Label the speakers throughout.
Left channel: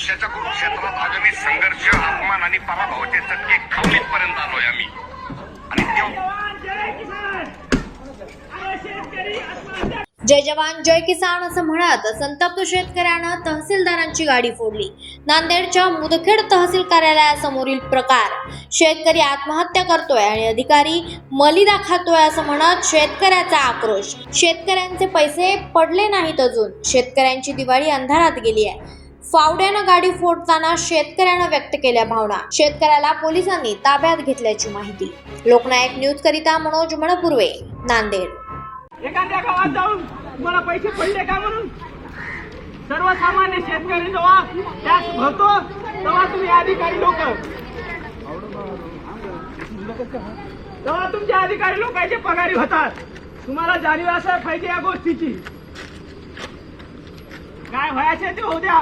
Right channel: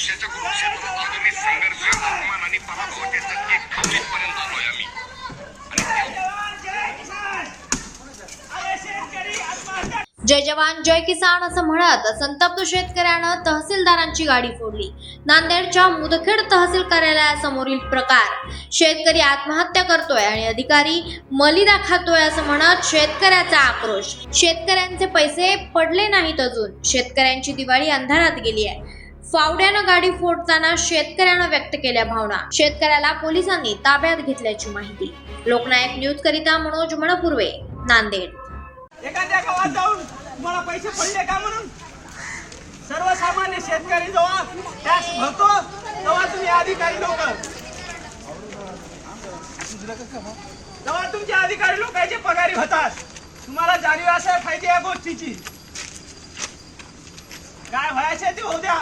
Speaker 1: संघर्ष अपमान आणि पराभवाचे चटके खाऊन इथपर्यंत आलोय आम्ही
Speaker 2: जय जवान जय किसान असं म्हणत संतप्त शेतकऱ्यानं तहसीलदारांची गाडी फोडली. नांदेडच्या मुदखेड तहसील कार्यालयासमोरील प्रकार. शेतकरी आत्महत्या करतोय आणि अधिकारी मलिदा खातोय असं म्हणत शेतकऱ्याचा आक्रोश. शेतकऱ्यांचे पैसे पडले नाहीत अजून. शेतकऱ्यांची दिवाळी अंधारात गेली आहे. फावड्यानं गाडी फोडताना शेतकऱ्यानं व्यक्त केल्या भावना. शेतकऱ्याला पोलिसांनी ताब्यात घेतल्याची माहिती. लोकनायक न्यूज करिता मनोज मणपूर्वे नांदेड.
Speaker 3: एखाद्या गावात जाऊन मला पैसे पडले का म्हणून? सर्वसामान्य शेतकरी जेव्हा टॅक्स भरतो तेव्हा तुम्ही अधिकारी लोक तेव्हा तुमचे अधिकारी लोकांचे पगारी होतात. तुम्हाला जाणीव असायला पाहिजे या गोष्टीची. काय व्हायचे ते होऊ द्या.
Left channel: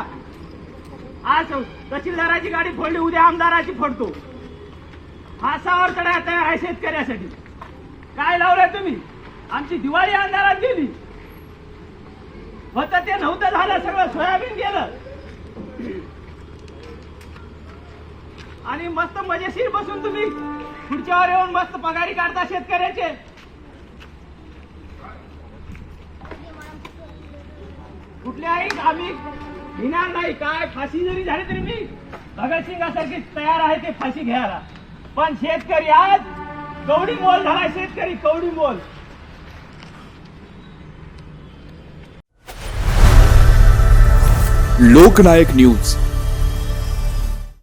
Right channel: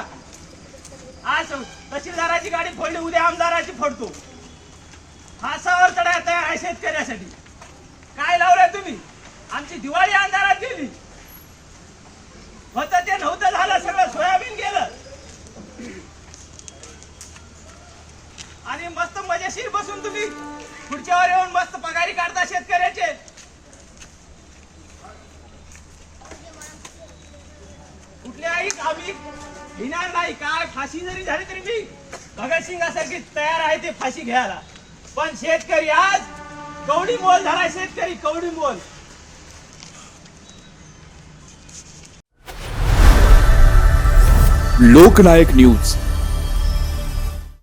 Speaker 3: आज तहसीलदाराची गाडी फोडली उद्या आमदाराची फोडतो. फासावर चढा तयार आहे शेतकऱ्यासाठी. काय लावलंय तुम्ही? आमची दिवाळी अंधारात गेली होत ते नव्हतं झालं सगळं सोयाबीन गेलं. आणि मस्त मजेशीर बसून तुम्ही खुर्च्यावर येऊन मस्त पगारी काढता शेतकऱ्याचे. कुठल्याही आम्ही घेणार नाही काय फाशी जरी झाली तरी मी भगतसिंगासारखी तयार आहे ते फाशी घ्यायला. पण शेतकरी आज कवडी मोल झाला शेतकरी कवडी मोल.
Speaker 4: लोकनायक न्यूज.